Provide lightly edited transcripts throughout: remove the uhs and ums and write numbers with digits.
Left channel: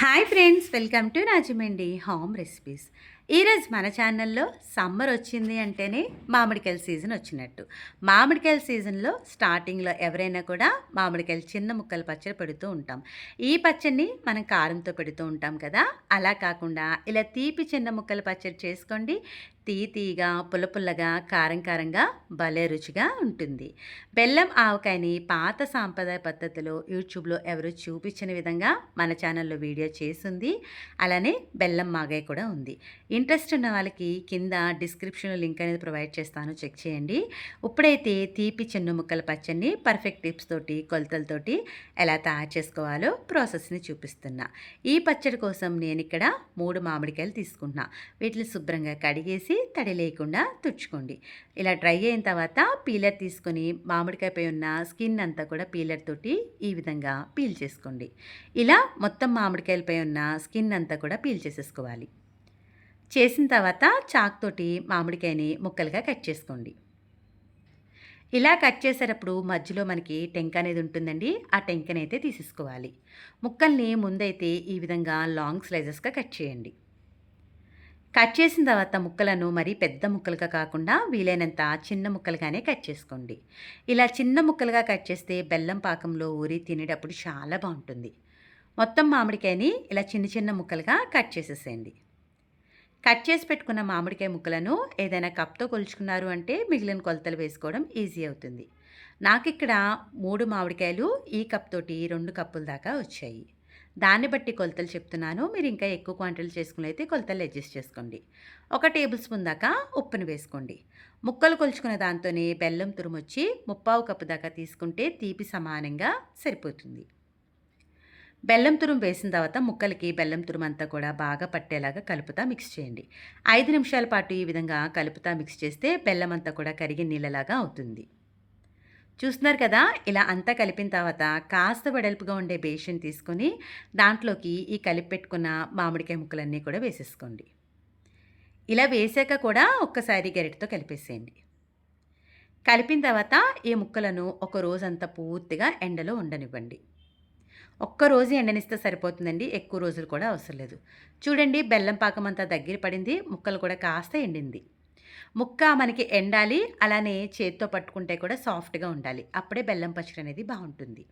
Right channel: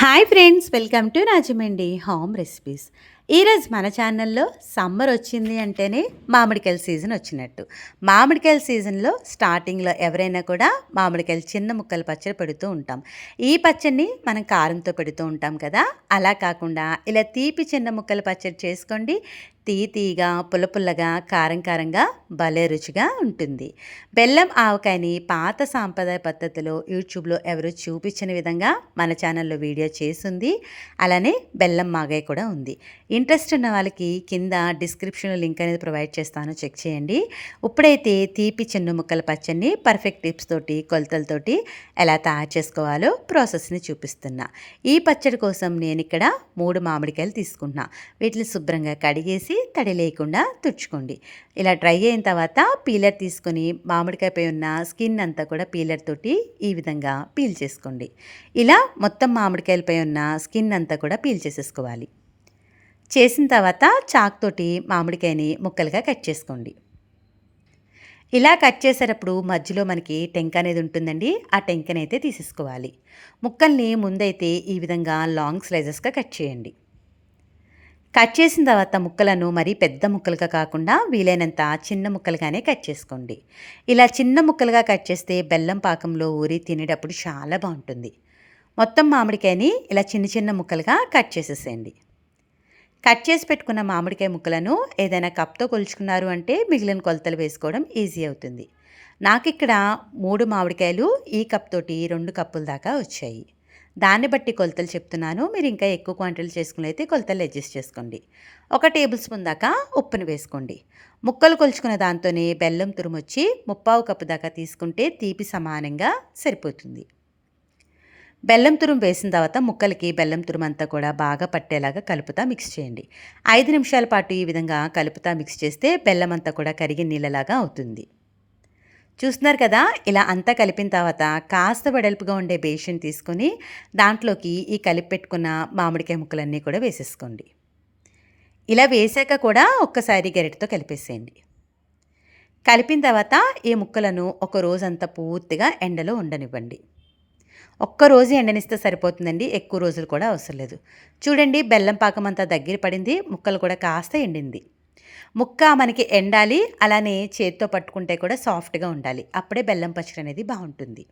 Hi friends, welcome to Rajahmundry home recipes. ఈరోజు మన ఛానల్లో సమ్మర్ వచ్చింది అంటేనే మామిడికాయల సీజన్ వచ్చినట్టు. మామిడికాయల సీజన్లో స్టార్టింగ్లో ఎవరైనా కూడా మామిడికాయలు చిన్న ముక్కలు పచ్చడి పెడుతూ ఉంటాం. ఈ పచ్చడిని మనం కారంతో పెడుతూ ఉంటాం కదా. అలా కాకుండా ఇలా తీపి చిన్న ముక్కలు పచ్చడి చేసుకోండి. తీయగా పుల్లగా కారం కారంగా భలే రుచిగా ఉంటుంది. బెల్లం ఆవకాయని పాత సాంప్రదాయ పద్ధతిలో యూట్యూబ్లో ఎవరు చూపించిన విధంగా మన ఛానల్లో వీడియో చేసింది. అలానే బెల్లం మాగాయ కూడా ఉంది. ఇంట్రెస్ట్ ఉన్న వాళ్ళకి కింద డిస్క్రిప్షన్లో లింక్ అనేది ప్రొవైడ్ చేస్తాను, చెక్ చేయండి. ఇప్పుడైతే తీపి చిన్న ముక్కల పచ్చడిని పర్ఫెక్ట్ టిప్స్ తోటి కొలతలతోటి ఎలా తయారు చేసుకోవాలో ప్రాసెస్ని చూపిస్తున్నా. ఈ పచ్చడి కోసం నేను ఇక్కడ 3 మామిడికాయలు తీసుకుంటున్నా. వీటిని శుభ్రంగా కడిగేసి తడి లేకుండా తుడుచుకోండి. ఇలా డ్రై అయిన తర్వాత పీలర్ తీసుకొని మామిడికాయపై ఉన్న స్కిన్ అంతా కూడా పీలర్ తోటి ఈ విధంగా పీల్ చేసుకోండి. ఇలా మొత్తం మామిడికాయలపై ఉన్న స్కిన్ అంతా కూడా పీల్ చేసేసుకోవాలి. చేసిన తర్వాత చాక్ తోటి మామిడికాయని ముక్కలుగా కట్ చేసుకోండి. ఇలా కట్ చేసేటప్పుడు మధ్యలో మనకి టెంక అనేది ఉంటుందండి. ఆ టెంకనైతే తీసేసుకోవాలి. ముక్కల్ని ముందైతే ఈ విధంగా లాంగ్ స్లైసెస్గా కట్ చేయండి. కట్ చేసిన తర్వాత ముక్కలను మరీ పెద్ద ముక్కలుగా కాకుండా వీలైనంత చిన్న ముక్కలుగానే కట్ చేసుకోండి. ఇలా చిన్న ముక్కలుగా కట్ చేస్తే బెల్లం పాకంలో ఊరి తినేటప్పుడు చాలా బాగుంటుంది. మొత్తం మామిడికాయని ఇలా చిన్న చిన్న ముక్కలుగా కట్ చేసేసేయండి. కట్ చేసి పెట్టుకున్న మామిడికాయ ముక్కలను ఏదైనా కప్తో కొలుచుకున్నారు అంటే మిగిలిన కొలతలు వేసుకోవడం ఈజీ అవుతుంది. నాకు ఇక్కడ 3 మామిడికాయలు ఈ కప్ తోటి 2 కప్పుల దాకా వచ్చాయి. దాన్ని బట్టి కొలతలు చెప్తున్నాను. మీరు ఇంకా ఎక్కువ క్వాంటిటీలు చేసుకుని అయితే కొలతలు అడ్జస్ట్ చేసుకోండి. 1 టేబుల్ స్పూన్ దాకా ఉప్పుని వేసుకోండి. ముక్కలు కొలుచుకున్న దాంతోనే బెల్లం తురుమొచ్చి 3/4 కప్పు దాకా తీసుకుంటే తీపి సమానంగా సరిపోతుంది. బెల్లం తురుము వేసిన తర్వాత ముక్కలకి బెల్లం తురుము అంతా కూడా బాగా పట్టేలాగా కలుపుతా మిక్స్ చేయండి. 5 నిమిషాల పాటు ఈ విధంగా కలుపుతా మిక్స్ చేస్తే బెల్లం అంతా కూడా కరిగి నీళ్ళలాగా అవుతుంది. చూస్తున్నారు కదా, ఇలా అంతా కలిపిన తర్వాత కాస్త వెడల్పుగా ఉండే బేషన్ తీసుకొని దాంట్లోకి ఈ కలిపి పెట్టుకున్న మామిడికాయ ముక్కలన్నీ కూడా వేసేసుకోండి. ఇలా వేసాక కూడా ఒక్కసారి గరిటెతో కలిపేసేయండి. కలిపిన తర్వాత ఈ ముక్కలను ఒక రోజంతా పూర్తిగా ఎండలో ఉండనివ్వండి. ఒక్కరోజు ఎండనిస్తే సరిపోతుందండి, ఎక్కువ రోజులు కూడా అవసరం లేదు. చూడండి, బెల్లం పాకం అంతా దగ్గర పడింది, ముక్కలు కూడా కాస్త ఎండింది. ముక్క మనకి ఎండాలి, అలానే చేత్తో పట్టుకుంటే కూడా సాఫ్ట్గా ఉండాలి. అప్పుడే బెల్లం పచ్చడి అనేది బాగుంటుంది.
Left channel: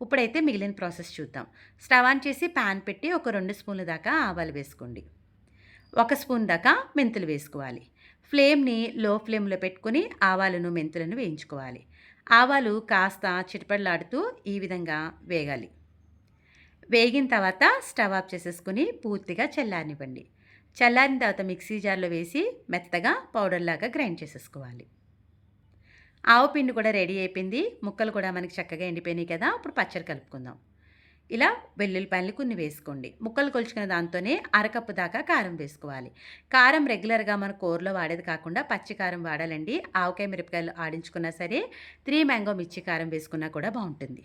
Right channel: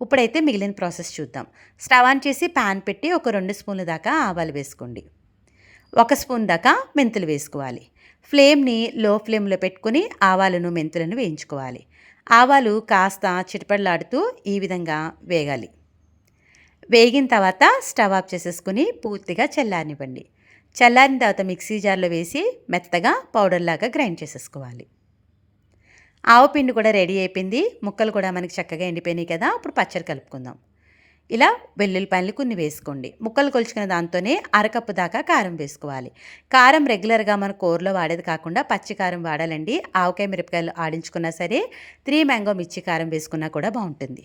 ఇప్పుడైతే మిగిలిన ప్రాసెస్ చూద్దాం. స్టవ్ ఆన్ చేసి ప్యాన్ పెట్టి ఒక 2 స్పూన్ల దాకా ఆవాలు వేసుకోండి. 1 స్పూన్ దాకా మెంతులు వేసుకోవాలి. ఫ్లేమ్ని లో ఫ్లేమ్లో పెట్టుకుని ఆవాలను మెంతులను వేయించుకోవాలి. ఆవాలు కాస్త చిటపటలాడుతూ ఈ విధంగా వేగాలి. వేగిన తర్వాత స్టవ్ ఆఫ్ చేసేసుకుని పూర్తిగా చల్లారనివ్వండి. చల్లారిన తర్వాత మిక్సీ జార్లో వేసి మెత్తగా పౌడర్లాగా గ్రైండ్ చేసేసుకోవాలి. ఆవపిండి కూడా రెడీ అయిపోయింది. ముక్కలు కూడా మనకి చక్కగా ఎండిపోయినాయి కదా. ఇప్పుడు పచ్చడి కలుపుకుందాం. ఇలా వెల్లుల్లిపాయలు కొన్ని వేసుకోండి. ముక్కలు కొలుచుకున్న దాంతోనే 1/2 కప్పు దాకా కారం వేసుకోవాలి. కారం రెగ్యులర్గా మన కూరలో వాడేది కాకుండా పచ్చి కారం వాడాలండి. ఆవకాయ మిరపకాయలు ఆడించుకున్నా సరే 3 మ్యాంగో మిర్చి కారం వేసుకున్నా కూడా బాగుంటుంది.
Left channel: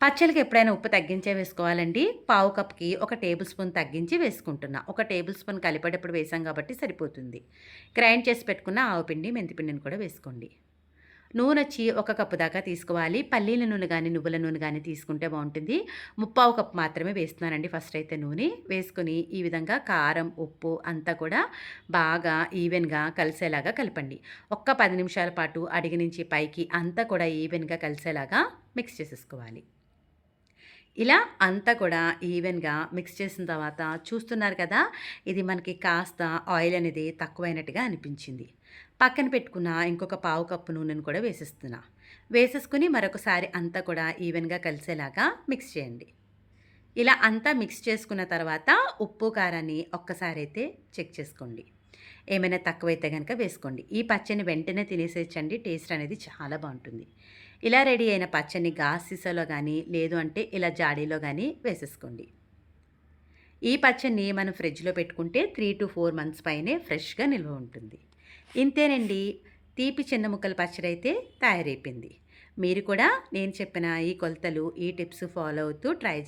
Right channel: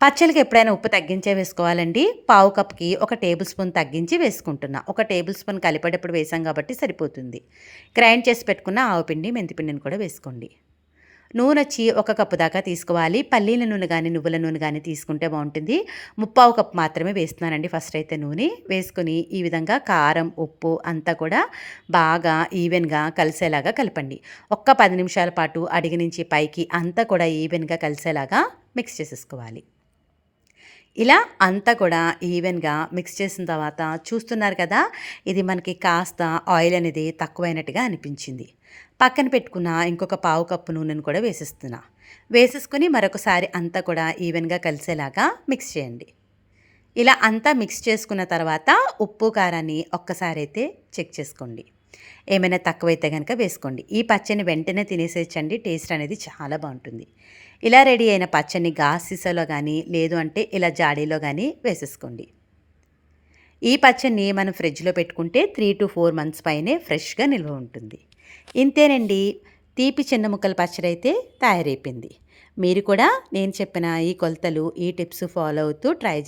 పచ్చళ్ళకి ఎప్పుడైనా ఉప్పు తగ్గించే వేసుకోవాలండి. 1/4 కప్కి 1 టేబుల్ స్పూన్ తగ్గించి వేసుకుంటున్నా. 1 టేబుల్ స్పూన్ కలిపేటప్పుడు వేసాం కాబట్టి సరిపోతుంది. గ్రైండ్ చేసి పెట్టుకున్న ఆవపిండి మెంతిపిండిని కూడా వేసుకోండి. నూనె వచ్చి 1 కప్పు దాకా తీసుకోవాలి. పల్లీల నూనె కానీ నువ్వుల నూనె కానీ తీసుకుంటే బాగుంటుంది. 3/4 కప్పు మాత్రమే వేస్తున్నానండి. ఫస్ట్ అయితే నూనె వేసుకుని ఈ విధంగా కారం ఉప్పు అంతా కూడా బాగా ఈవెన్గా కలిసేలాగా కలపండి. 10 నిమిషాల పాటు అడిగి నుంచి పైకి అంతా కూడా ఈవెన్గా కలిసేలాగా మిక్స్ చేసేసుకోవాలి. ఇలా అంతా కూడా ఈవెన్గా మిక్స్ చేసిన తర్వాత చూస్తున్నారు కదా, ఇది మనకి కాస్త ఆయిల్ అనేది తక్కువైనట్టుగా అనిపించింది. పక్కన పెట్టుకున్న ఇంకొక 1/4 కప్పు నూనెను కూడా వేసేసుకుని మరొకసారి అంతా కూడా ఈవెన్గా కలిసేలాగా మిక్స్ చేయండి. ఇలా అంతా మిక్స్ చేసుకున్న తర్వాత ఉప్పు కారాన్ని ఒక్కసారి అయితే చెక్ చేసుకోండి. ఏమైనా తక్కువైతే కనుక వేసుకోండి. ఈ పచ్చడిని వెంటనే తినేసేయచ్చండి, టేస్ట్ అనేది చాలా బాగుంటుంది. ఇలా రెడీ అయిన పచ్చడిని గాజు సీసాలో కానీ లేదు అంటే ఇలా జాడీలో కానీ వేసేసుకోండి. ఈ పచ్చడిని మనం ఫ్రిడ్జ్లో పెట్టుకుంటే 3 to 4 మంత్స్ పైనే ఫ్రెష్గా నిల్వ ఉంటుంది. ఇంతేనండి, తీపి చిన్న ముక్కల పచ్చడి అయితే తయారైపోయింది. మీరు కూడా నేను చెప్పిన ఈ కొలతలు ఈ టిప్స్ ఫాలో అవుతూ ట్రై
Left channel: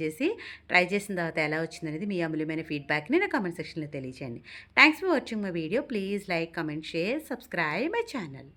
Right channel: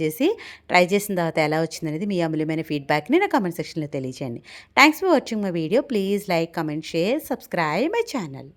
చేసిన తర్వాత ఎలా వచ్చిందనేది మీ అమూల్యమైన ఫీడ్బ్యాక్ని నా కామెంట్ సెక్షన్లో తెలియచేయండి. Thanks for watching my video. Please like, comment, share, subscribe my channel.